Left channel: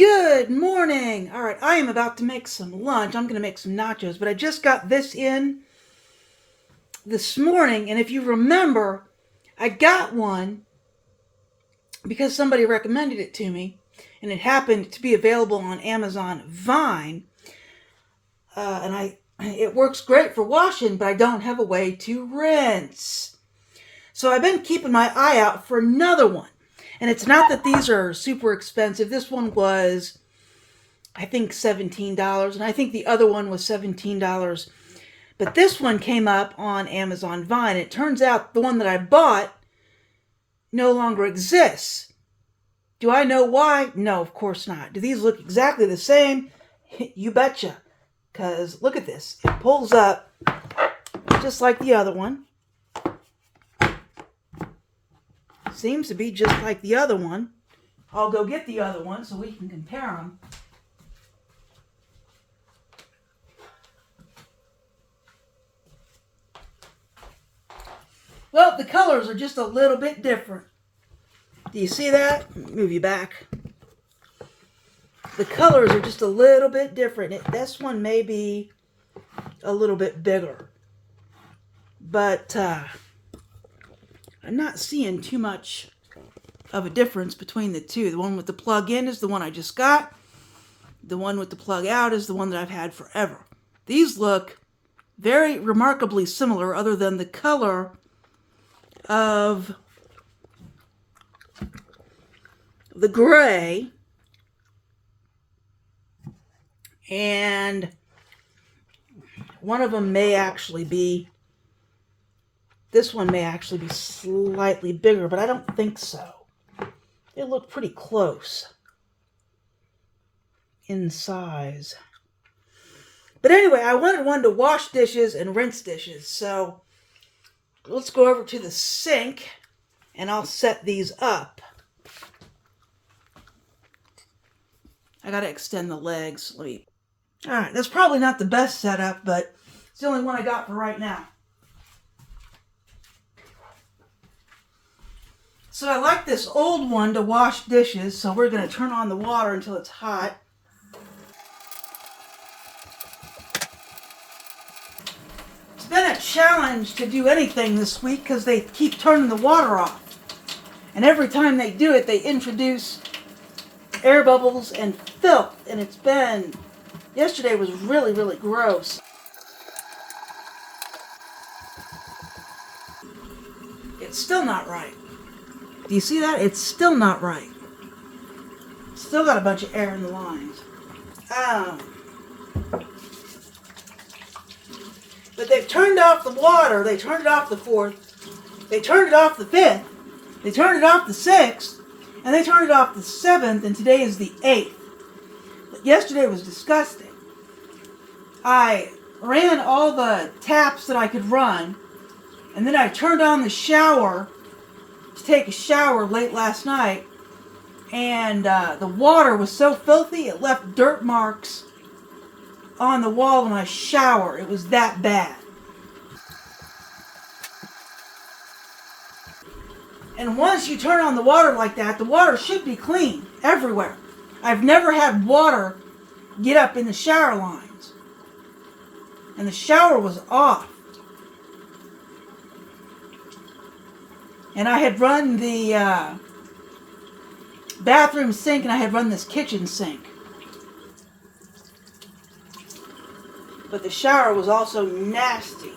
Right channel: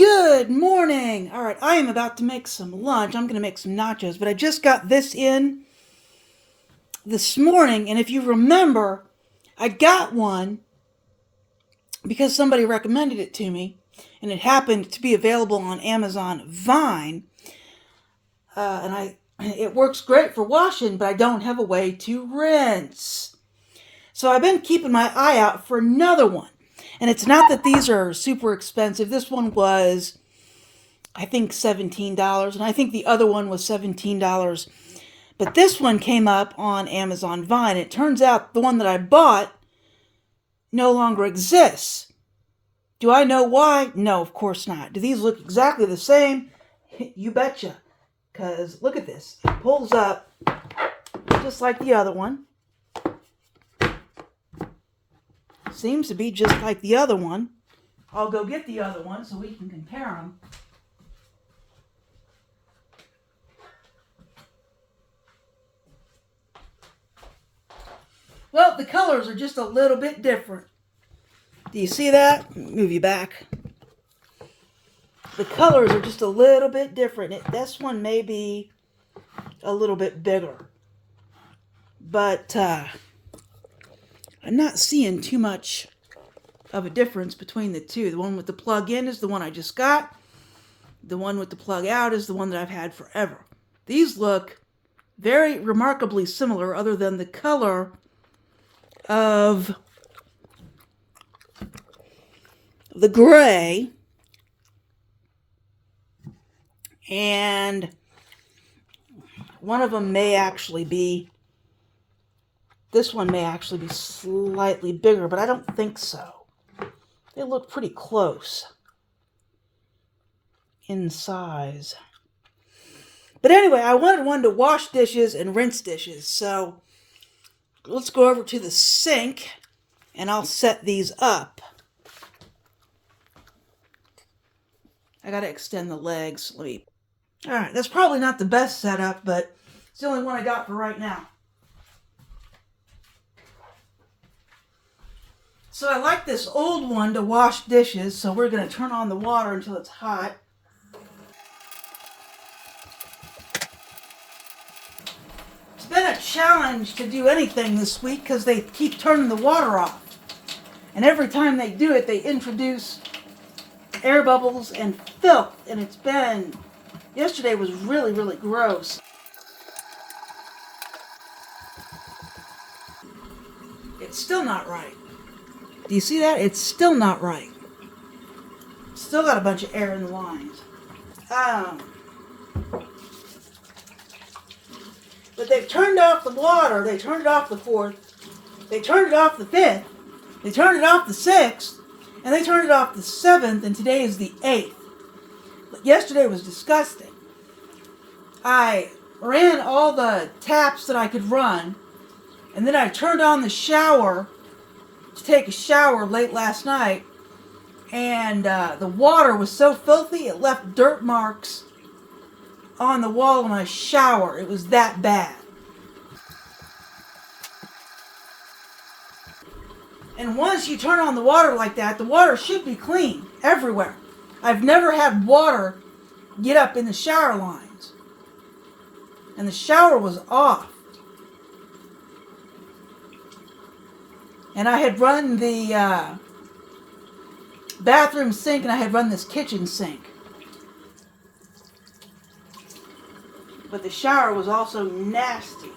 Good morning. All right, I am about to make some lunch. I'm going to make some nachos, but I just got this in this morning, and if you remember, I got one because somebody recommended it to me, and it happened to be available on Amazon Vine. And it works great for washing, but I don't have a way to rinse. So I've been keeping my eye out for another one. And it's not that these are super expensive. This one was, I think, $17, and I think the other one was $17. But this one came up on Amazon Vine. It turns out the one that I bought no longer exists. Do I know why? No, of course not. Do these look exactly the same? You betcha. Because look at this. It pulls up just like the other one. Seems to be just like the other one. I'll go get the other one so we can compare them. Well, the colors are just a little bit different. Do you see that? Move you back. The colors are just a little bit different. This one may be a little bit bigger. But I'm not seeing too much of a difference between the two. The one with the plug in is the one I just got. The one with the plug out is the one that I've had forever. These look very remarkably similar, other than the color of the gray, and one of them may actually be, this one may actually be slightly bigger, but I don't think so. They look pretty close in size. But anyway, I wanted one to wash dishes and rinse dishes, so let's go over to the sink and I'll set these up. I gotta extend the legs. Alright, that's probably not the best setup, but it's the only one I got for right now. So I like this old one to wash dishes, so we're going to turn on the water until it's hot. It's been a challenge to do anything this week because they keep turning the water off. And every time they do it, they introduce air bubbles and filth. And yesterday was really, really gross. It's still not right. Do you see that? It's still not right. Still got a bunch of air in the lines. But they've turned off the water. They turned it off the 4th. They turned it off the 5th. They turned it off the 6th. And they turned it off the 7th. And today is the 8th. But yesterday was disgusting. I ran all the taps that I could run. And then I turned on the shower to take a shower late last night, and the water was so filthy it left dirt marks on the wall in my shower. It was that bad. And once you turn on the water like that, the water should be clean everywhere. I've never had water get up in the shower lines, and the shower was off. And I had run the bathroom sink, and I had run this kitchen sink. But the shower was also nasty.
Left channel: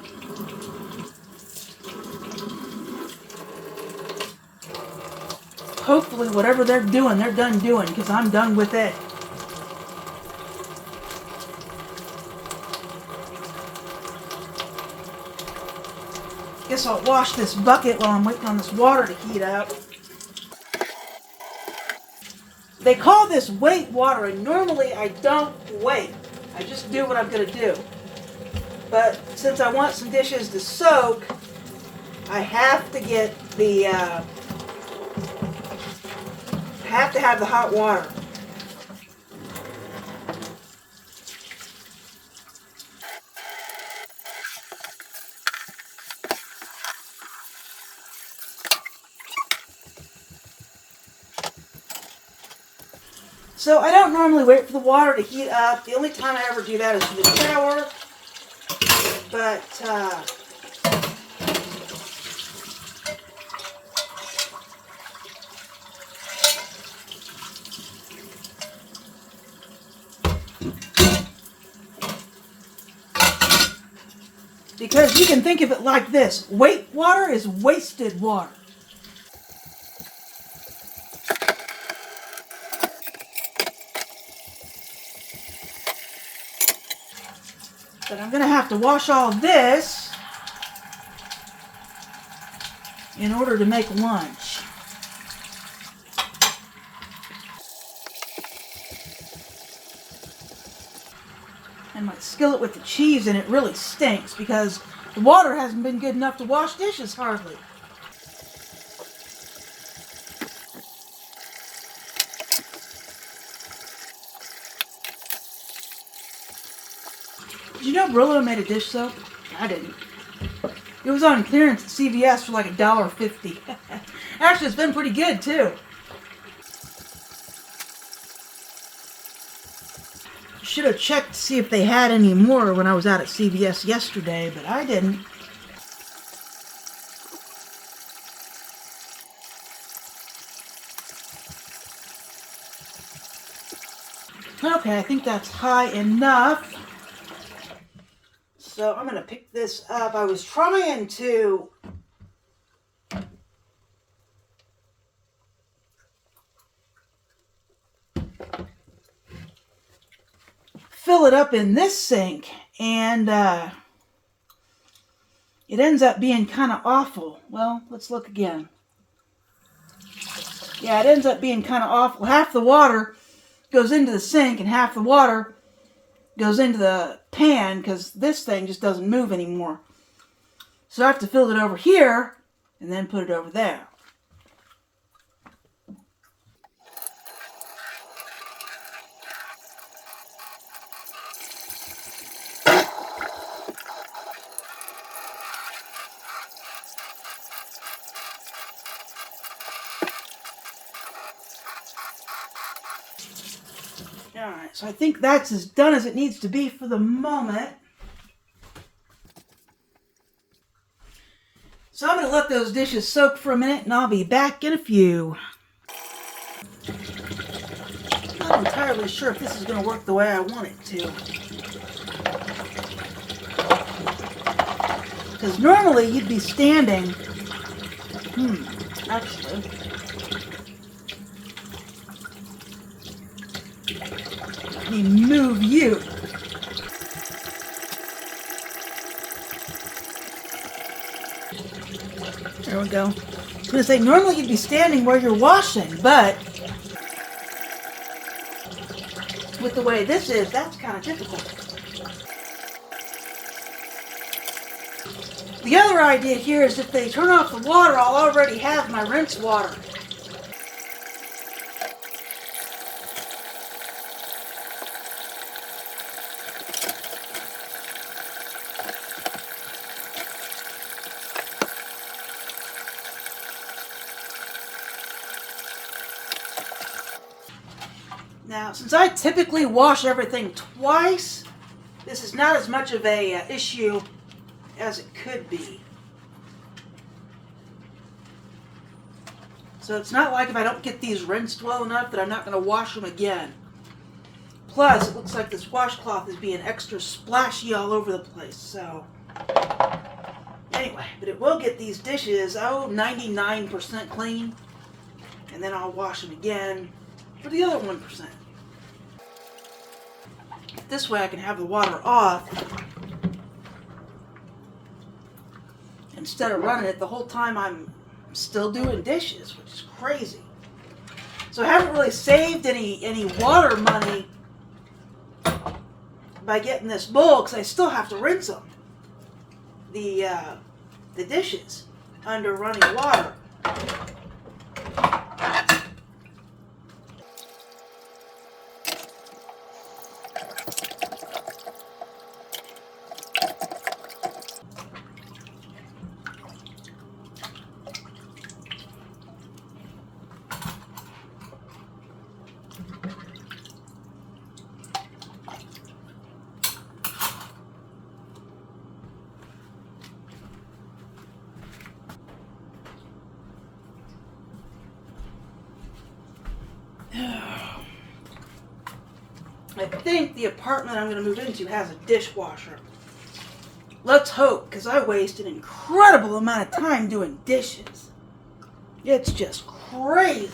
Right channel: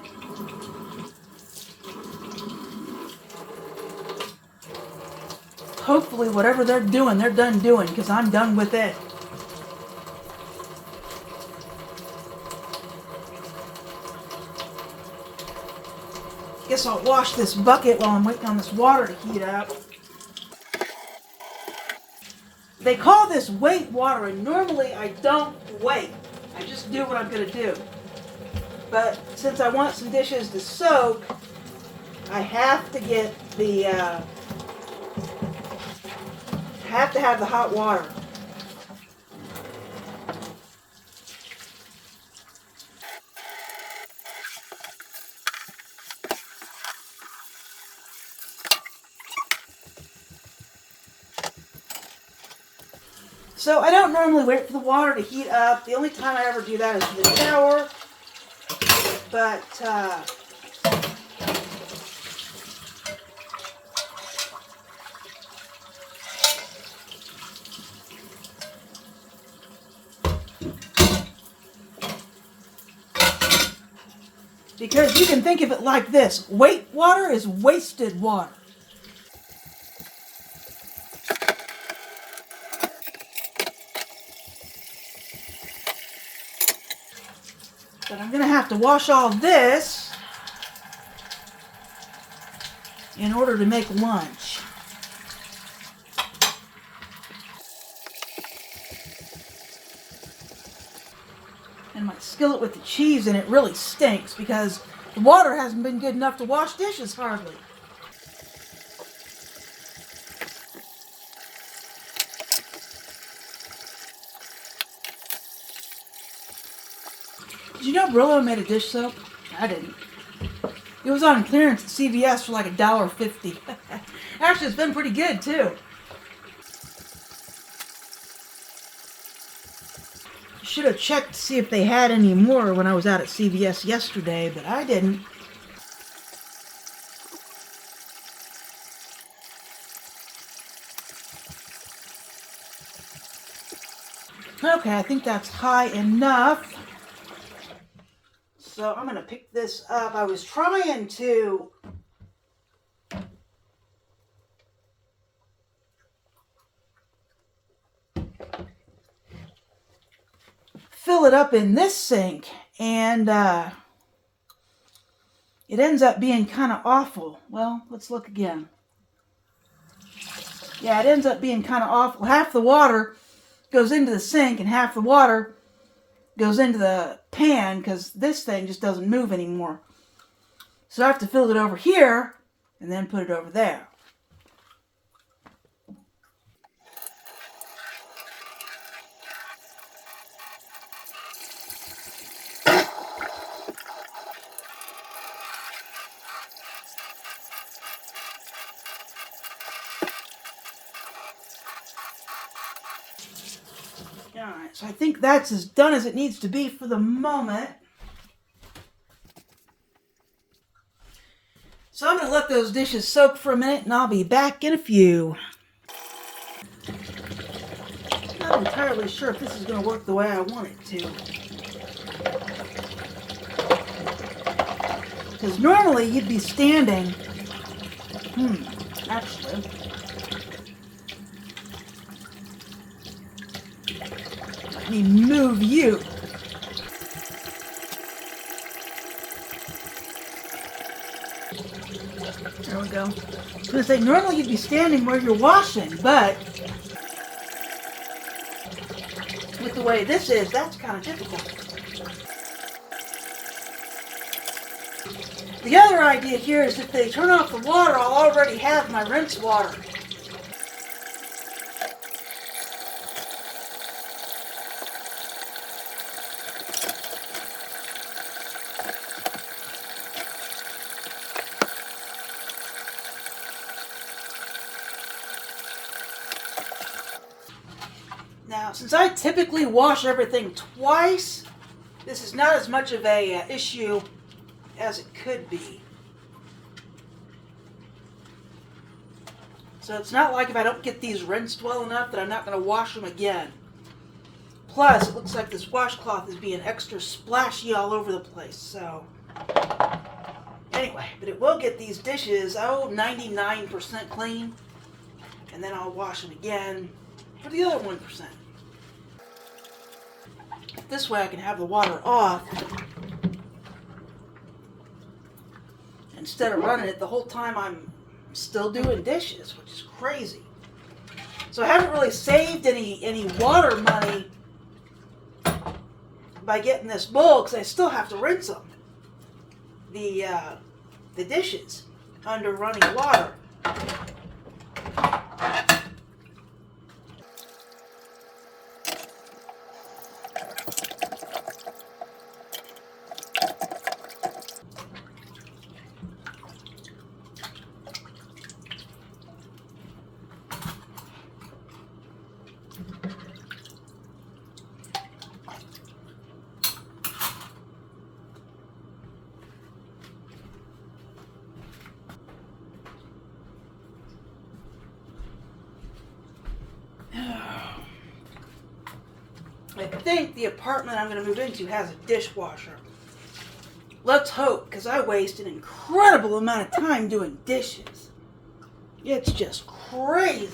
Hopefully whatever they're doing, they're done doing, because I'm done with it. Guess I'll wash this bucket while I'm waiting on this water to heat up. They call this wait water, and normally I don't wait. I just do what I'm going to do. But since I want some dishes to soak, I have to get have to have the hot water. So I don't normally wait for the water to heat up. The only time I ever do that is for the shower. But because you can think of it like this. Wait water is wasted water. But I'm going to have to wash all this in order to make lunch. And my skillet with the cheese in it really stinks because the water hasn't been good enough to wash dishes hardly. Did you know Brillo made a dish soap? I didn't. It was on clearance at CVS for like $1.50. Actually, it's been pretty good too. Should have checked to see if they had any more when I was out at CVS yesterday, but I didn't. Okay, I think that's high enough. So I'm going to pick this up. I was trying to fill it up in this sink, and it ends up being kind of awful. Well, let's look again. Yeah, it ends up being kind of awful. Half the water goes into the sink and half the water goes into the pan because this thing just doesn't move anymore. So I have to fill it over here and then put it over there. Alright, so I think that's as done as it needs to be for the moment. So I'm going to let those dishes soak for a minute and I'll be back in a few. Not entirely sure if this is going to work the way I want it to. Because normally you'd be standing. Actually. Let me move you. There we go. I was going to say, normally you'd be standing where you're washing, but with the way this is, that's kind of difficult. The other idea here is if they turn off the water, I'll already have my rinse water. Now, since I typically wash everything twice, this is not as much of a issue as it could be. So it's not like if I don't get these rinsed well enough that I'm not going to wash them again. Plus, it looks like this washcloth is being extra splashy all over the place. So, anyway, but it will get these dishes, 99% clean. And then I'll wash them again for the other 1%. This way I can have the water off instead of running it the whole time I'm still doing dishes, which is crazy. So I haven't really saved any water money by getting this bowl because I still have to rinse them, the dishes, under running water. I think the apartment I'm going to move into has a dishwasher. Let's hope, because I waste an incredible amount of time doing dishes. It's just crazy.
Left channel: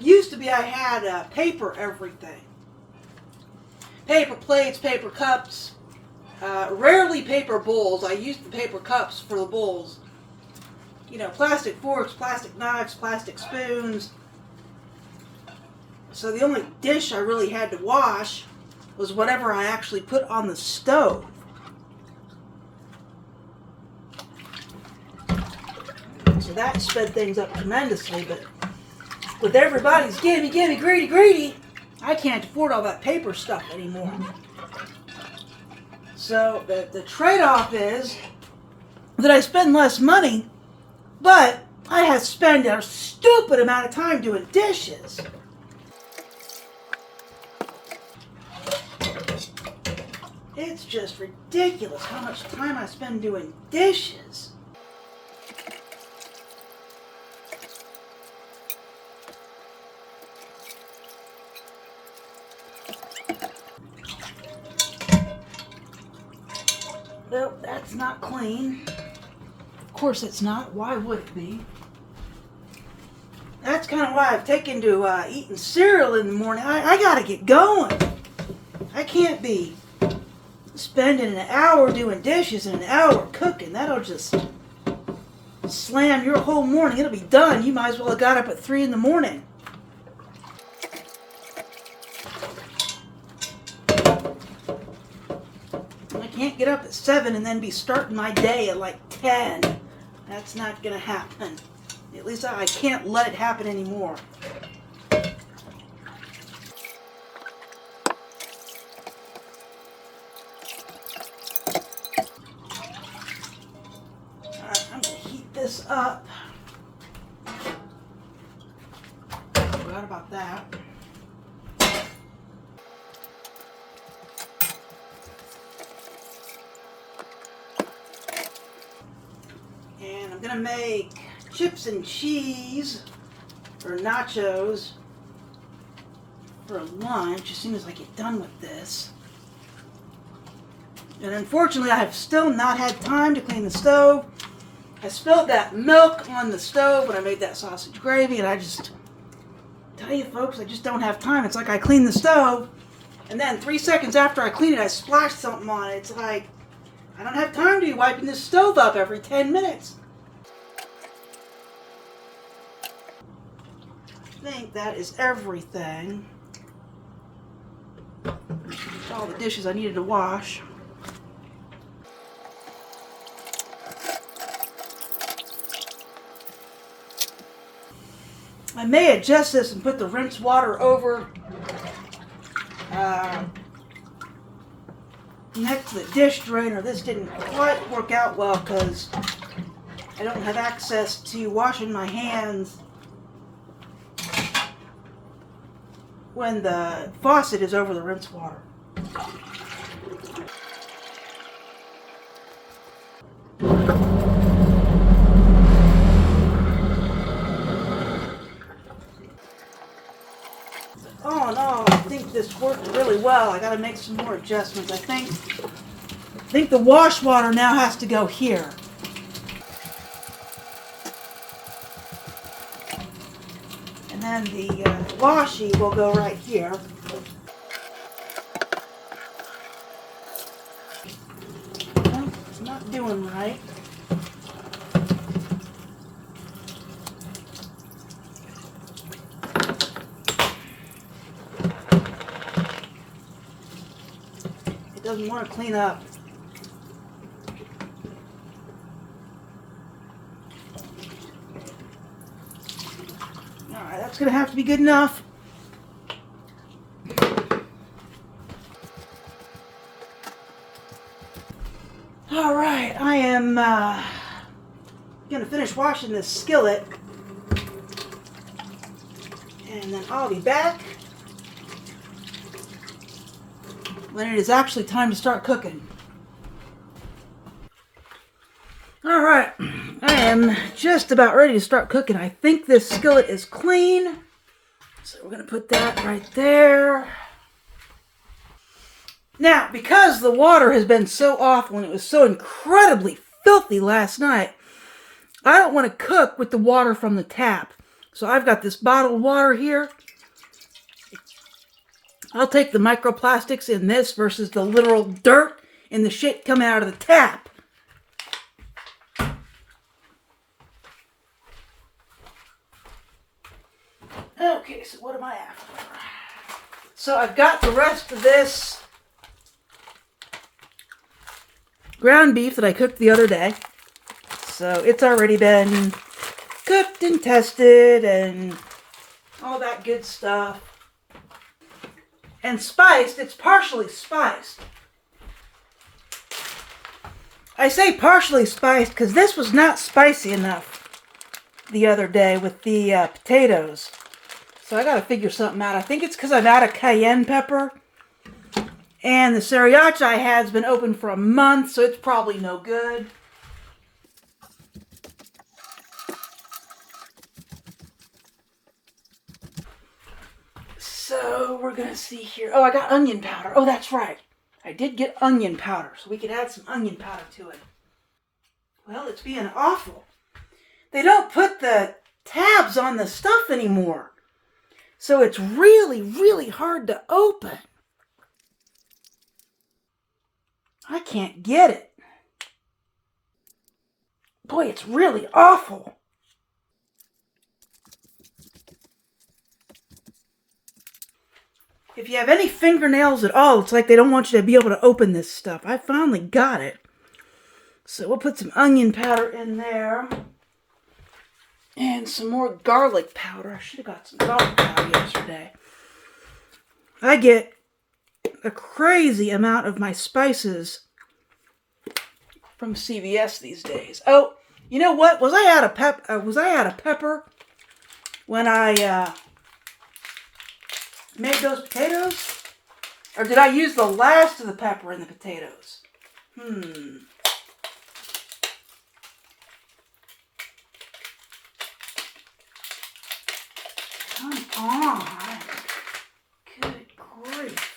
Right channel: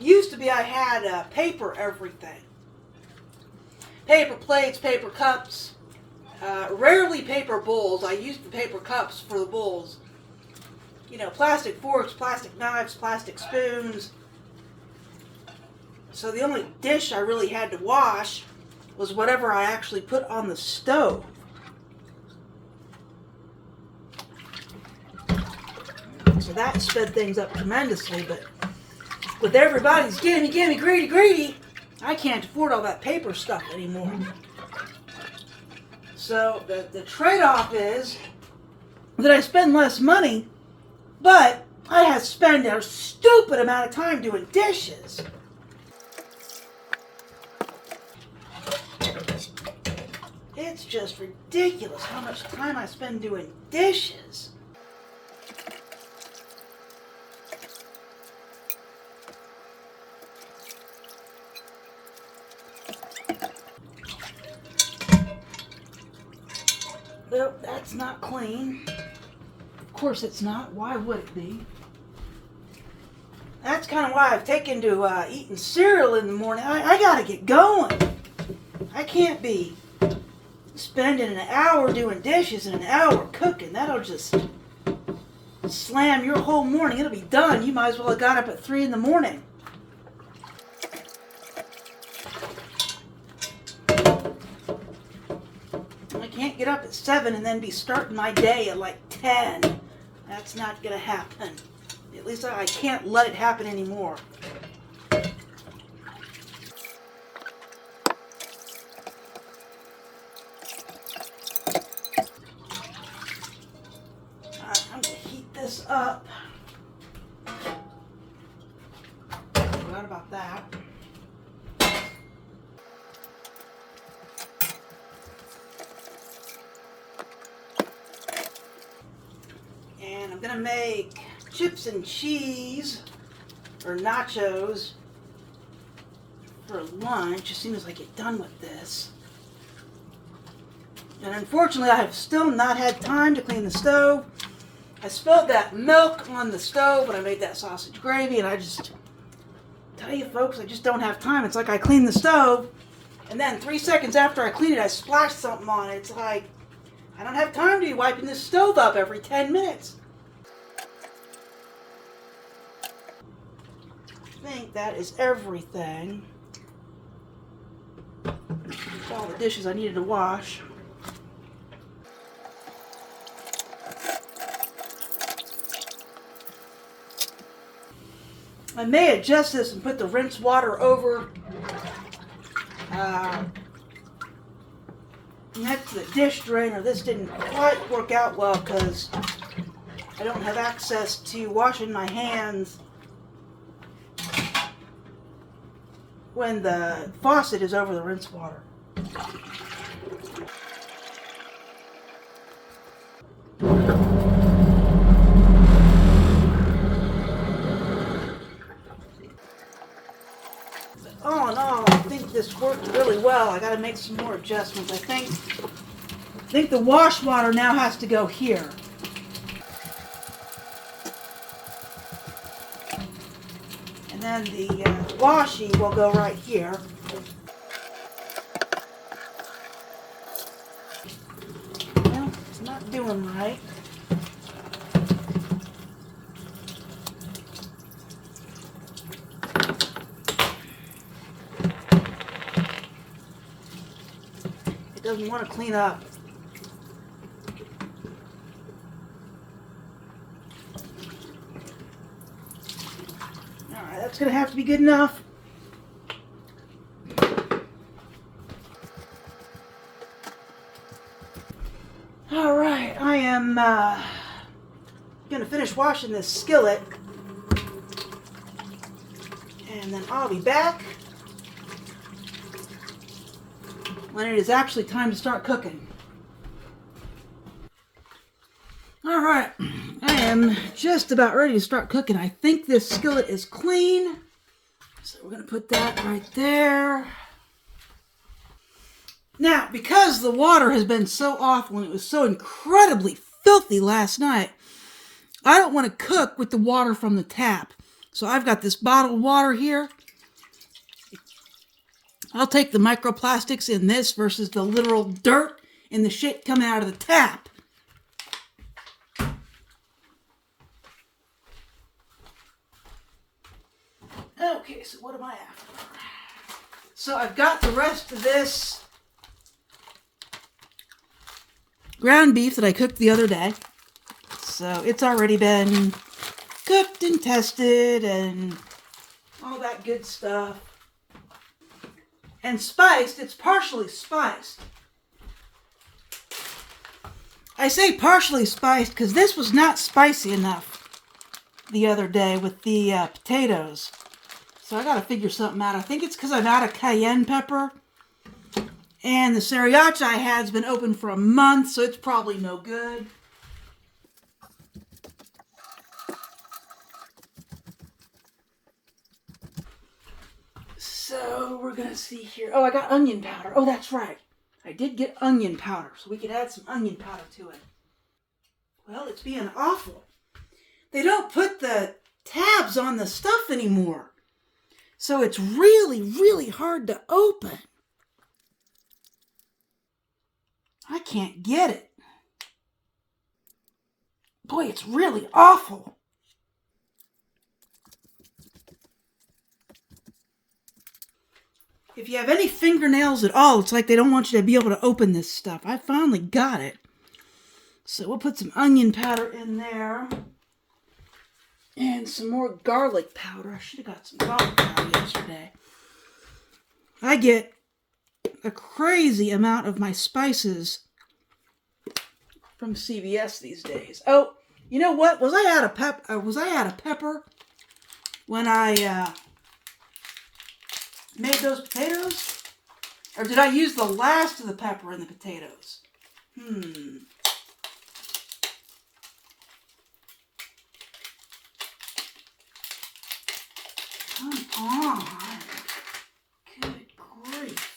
Used to be I had paper everything. Paper plates, paper cups, rarely paper bowls. I used the paper cups for the bowls. You know, plastic forks, plastic knives, plastic spoons. So the only dish I really had to wash was whatever I actually put on the stove. So that sped things up tremendously, but with everybody's gimme, gimme, greedy, greedy, I can't afford all that paper stuff anymore. So the trade-off is that I spend less money, but I have to spend a stupid amount of time doing dishes. It's just ridiculous how much time I spend doing dishes. Nope, that's not clean. Of course it's not. Why would it be? That's kind of why I've taken to eating cereal in the morning. I gotta get going. I can't be spending an hour doing dishes and an hour cooking. That'll just slam your whole morning. It'll be done. You might as well have got up at 3 in the morning. I can't get up at 7 and then be starting my day at like 10. That's not going to happen. At least I can't let it happen anymore. Alright, I'm going to heat this up. Forgot about that. And I'm going to make chips and cheese, or nachos, for lunch as soon as I get done with this. And unfortunately, I have still not had time to clean the stove. I spilled that milk on the stove when I made that sausage gravy, and I just tell you folks, I just don't have time. It's like I clean the stove, and then 3 seconds after I clean it, I splash something on it. It's like, I don't have time to be wiping this stove up every 10 minutes. I think that is everything. That's all the dishes I needed to wash. I may adjust this and put the rinse water over next to the dish drainer. This didn't quite work out well because I don't have access to washing my hands when the faucet is over the rinse water. All in all, I think this worked really well. I gotta make some more adjustments. I think the wash water now has to go here. And then the washi will go right here. Well, it's not doing right. It doesn't want to clean up. Alright, that's going to have to be good enough. Alright, I am going to finish washing this skillet. And then I'll be back when it is actually time to start cooking. Alright, I am just about ready to start cooking. I think this skillet is clean. So we're going to put that right there. Now, because the water has been so awful and it was so incredibly filthy last night, I don't want to cook with the water from the tap. So I've got this bottled water here. I'll take the microplastics in this versus the literal dirt and the shit coming out of the tap. Okay, so what am I after? So I've got the rest of this ground beef that I cooked the other day. So it's already been cooked and tested and all that good stuff. And spiced, it's partially spiced. I say partially spiced because this was not spicy enough the other day with the potatoes. So I gotta figure something out. I think it's because I'm out of cayenne pepper. And the sriracha I had's been open for a month, so it's probably no good. So we're gonna see here. Oh, I got onion powder. Oh, that's right. I did get onion powder, so we could add some onion powder to it. Well, it's being awful. They don't put the tabs on the stuff anymore. So it's really, really hard to open. I can't get it. Boy, it's really awful. If you have any fingernails at all, it's like they don't want you to be able to open this stuff. I finally got it. So we'll put some onion powder in there. And some more garlic powder. I should have got some garlic powder yesterday. I get a crazy amount of my spices from CVS these days. Oh, you know what? Was I out of pepper when I made those potatoes? Or did I use the last of the pepper in the potatoes? Come on. Good grief.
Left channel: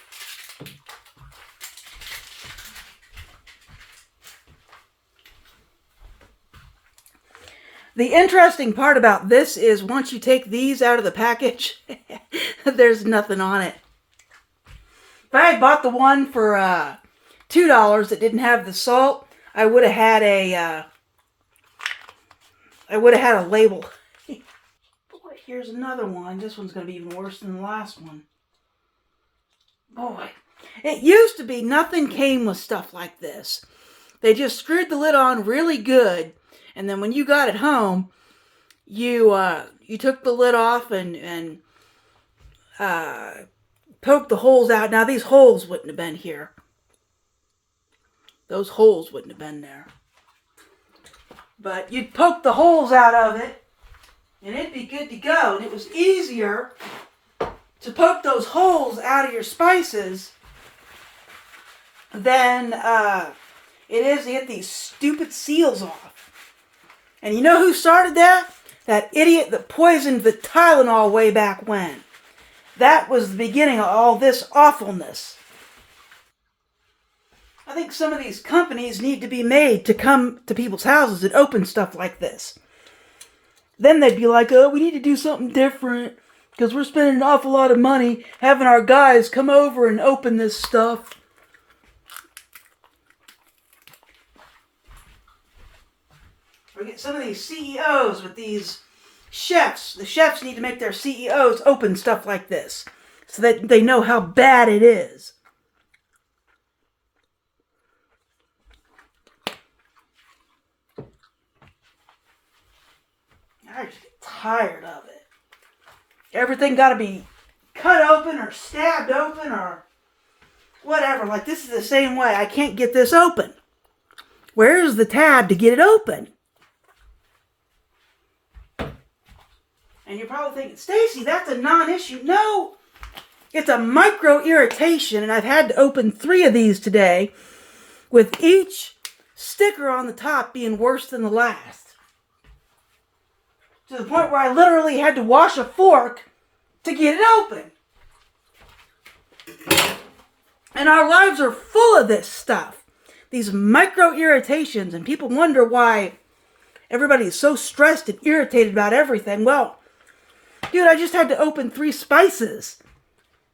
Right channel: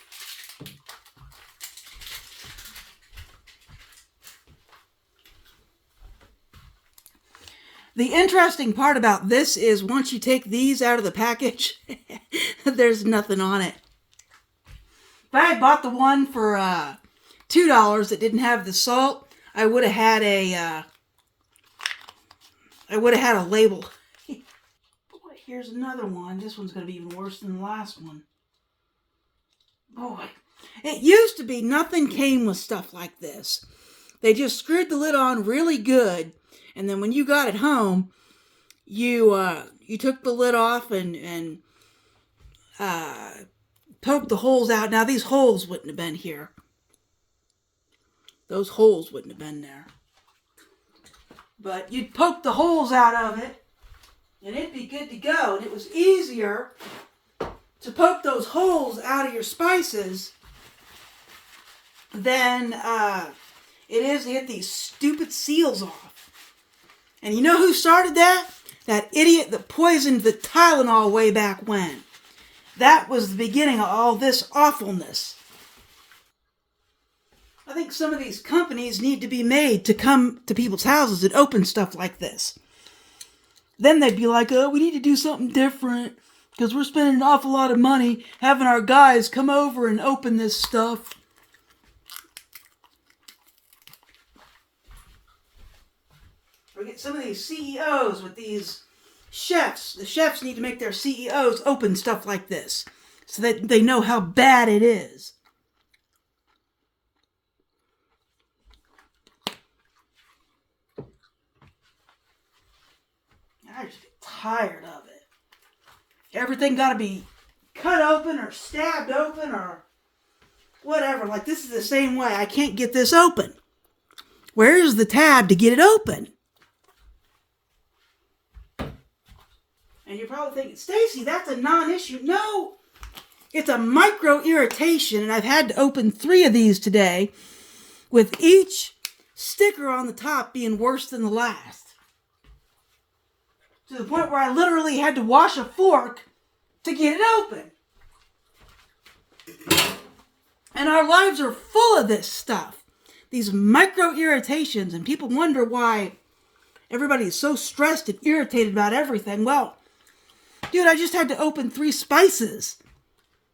The interesting part about this is once you take these out of the package, there's nothing on it. If I had bought the one for $2 that didn't have the salt, I would have had a label. Boy, here's another one. This one's going to be even worse than the last one. Boy, it used to be nothing came with stuff like this. They just screwed the lid on really good. And then when you got it home, you took the lid off and poked the holes out. Now these holes wouldn't have been here. Those holes wouldn't have been there. But you'd poke the holes out of it, and it'd be good to go. And it was easier to poke those holes out of your spices than it is to get these stupid seals off. And you know who started that? That idiot that poisoned the Tylenol way back when. That was the beginning of all this awfulness. I think some of these companies need to be made to come to people's houses and open stuff like this. Then they'd be like, oh, we need to do something different because we're spending an awful lot of money having our guys come over and open this stuff. We get some of these CEOs with these chefs. The chefs need to make their CEOs open stuff like this so that they know how bad it is. I just get tired of it. Everything got to be cut open or stabbed open or whatever. Like this is the same way. I can't get this open. Where's the tab to get it open? And you're probably thinking, Stacy, that's a non-issue. No, it's a micro irritation, and I've had to open 3 of these today, with each sticker on the top being worse than the last. To the point where I literally had to wash a fork to get it open. And our lives are full of this stuff. These micro irritations, and people wonder why everybody is so stressed and irritated about everything. Well, dude, I just had to open 3 spices.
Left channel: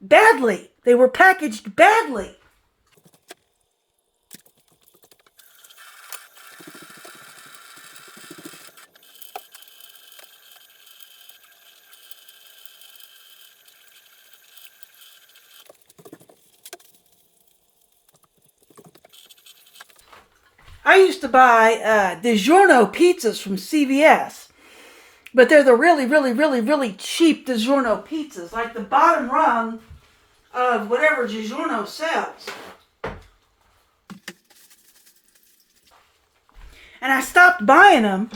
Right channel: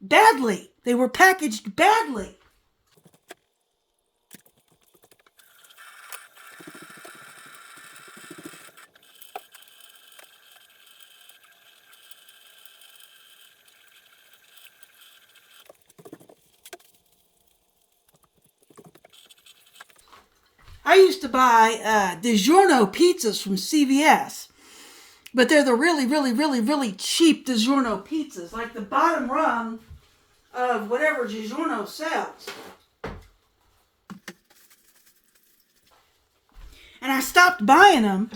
Badly. They were packaged badly. I used to buy DiGiorno pizzas from CVS, but they're the really, really, really, really cheap DiGiorno pizzas, like the bottom rung of whatever DiGiorno sells. And I stopped buying them,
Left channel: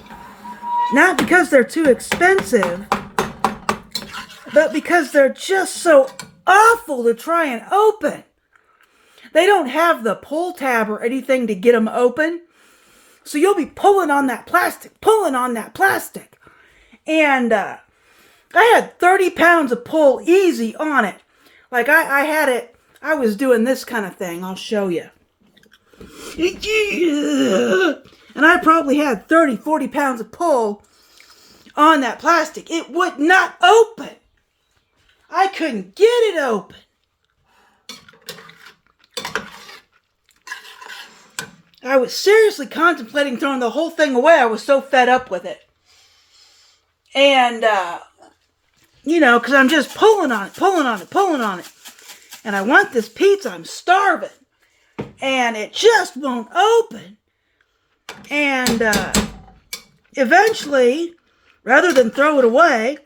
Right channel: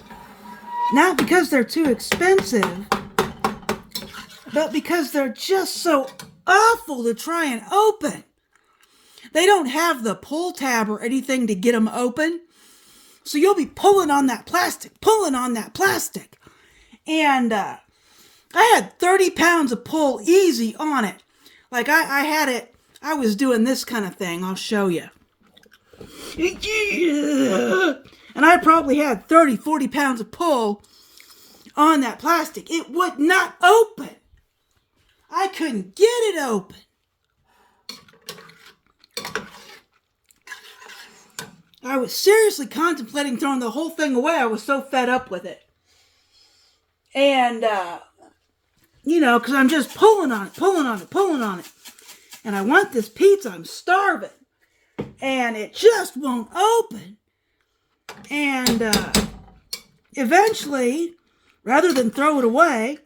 not because they're too expensive, but because they're just so awful to try and open. They don't have the pull tab or anything to get them open. So you'll be pulling on that plastic. And I had 30 pounds of pull easy on it. Like I had it, I was doing this kind of thing. I'll show you. And I probably had 30, 40 pounds of pull on that plastic. It would not open. I couldn't get it open. I was seriously contemplating throwing the whole thing away. I was so fed up with it. And, because I'm just pulling on it. And I want this pizza. I'm starving. And it just won't open. And eventually, rather than throw it away,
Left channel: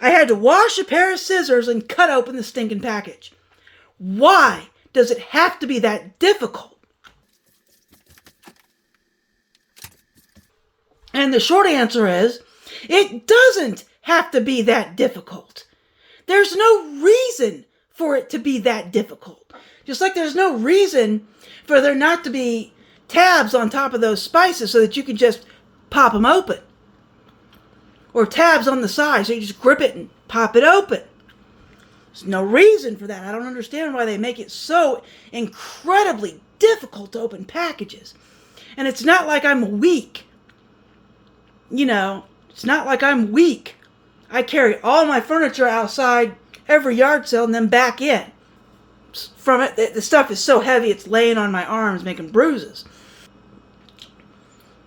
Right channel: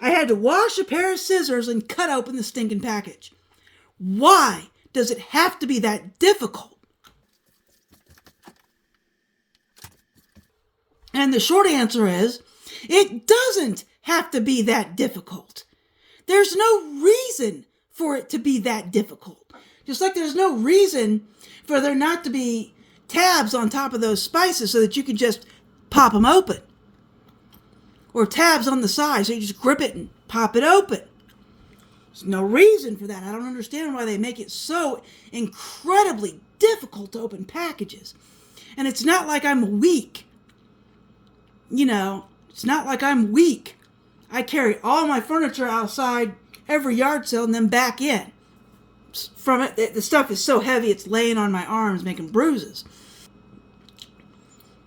I had to wash a pair of scissors and cut open the stinking package. Why does it have to be that difficult? And the short answer is, it doesn't have to be that difficult. There's no reason for it to be that difficult. Just like there's no reason for there not to be tabs on top of those spices so that you can just pop them open. Or tabs on the side so you just grip it and pop it open. There's no reason for that. I don't understand why they make it so incredibly difficult to open packages. And it's not like I'm weak. It's not like I'm weak. I carry all my furniture outside every yard sale and then back in. From it, the stuff is so heavy it's laying on my arms making bruises.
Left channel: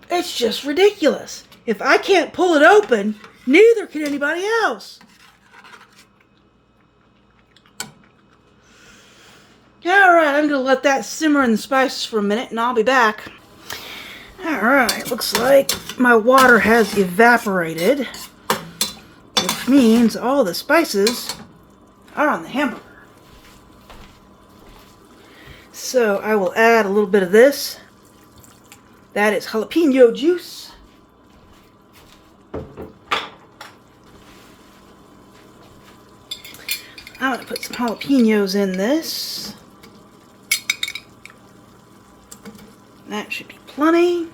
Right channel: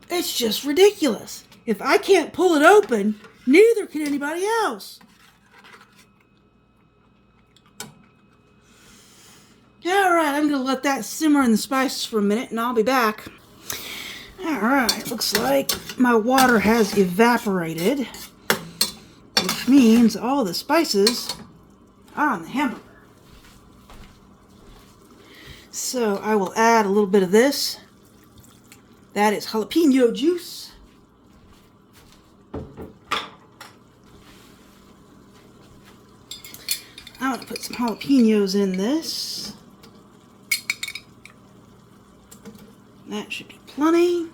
It's just ridiculous. If I can't pull it open, neither can anybody else. Alright, I'm going to let that simmer in the spices for a minute and I'll be back. Alright, looks like my water has evaporated, which means all the spices are on the hamburger. So I will add a little bit of this. That is jalapeno juice. I'm going to put some jalapenos in this. That should be plenty.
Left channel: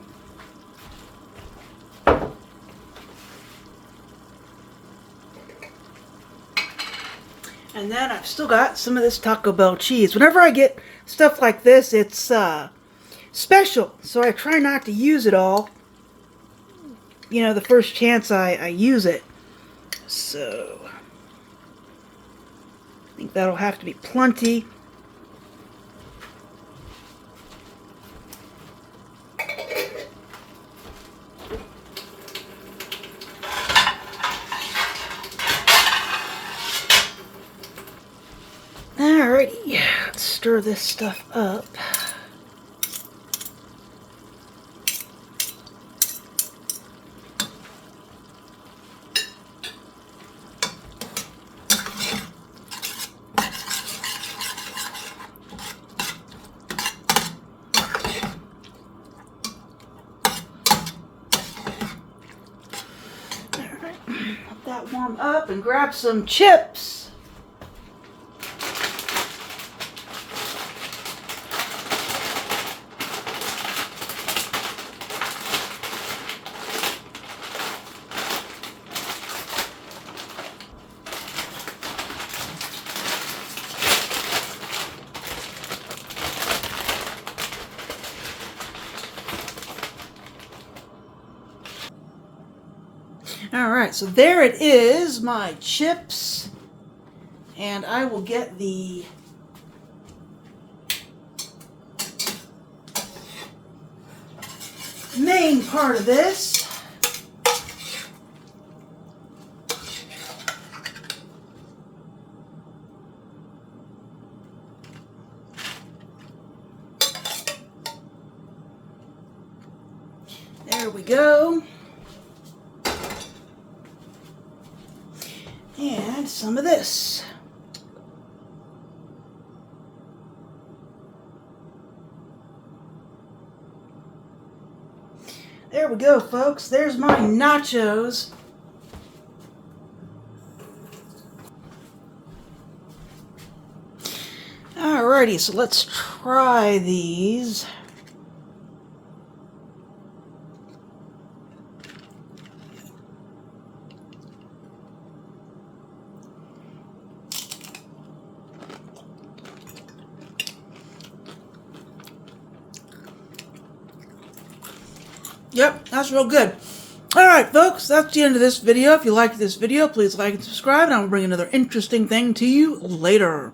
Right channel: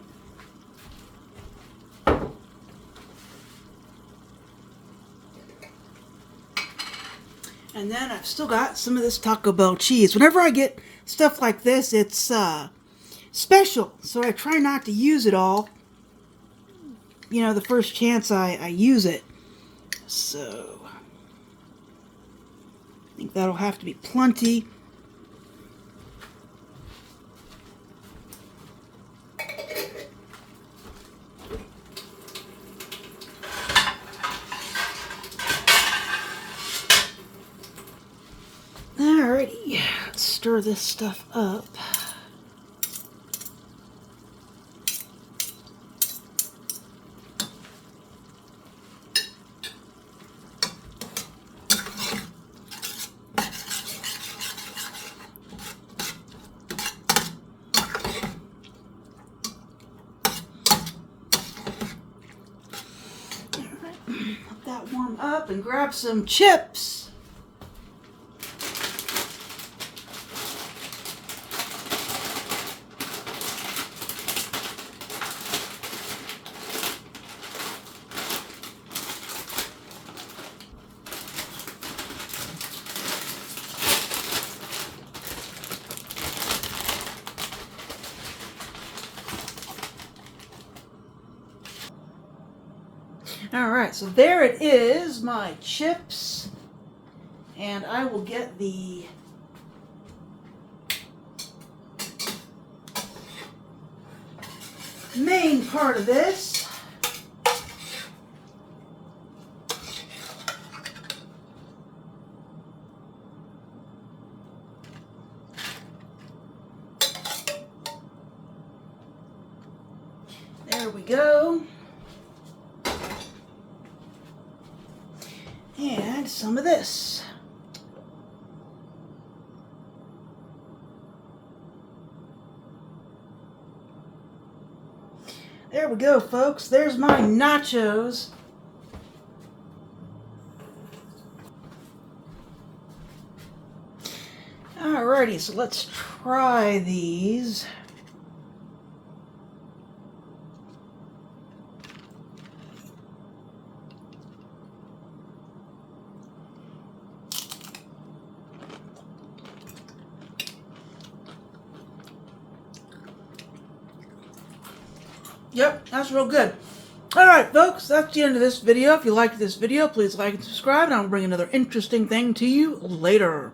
And then I've still got some of this Taco Bell cheese. Whenever I get stuff like this, it's special. So I try not to use it all. The first chance I use it. So I think that'll have to be plenty. Alrighty, let's stir this stuff up. Alright, let that warm up and grab some chips. All right, so there it is, my chips. And I will get the main part of this. There we go. And some of this. There we go, folks. There's my nachos. Alrighty, so let's try these. Yep, that's real good. Alright, folks, that's the end of this video. If you liked this video, please like and subscribe, and I'll bring another interesting thing to you later.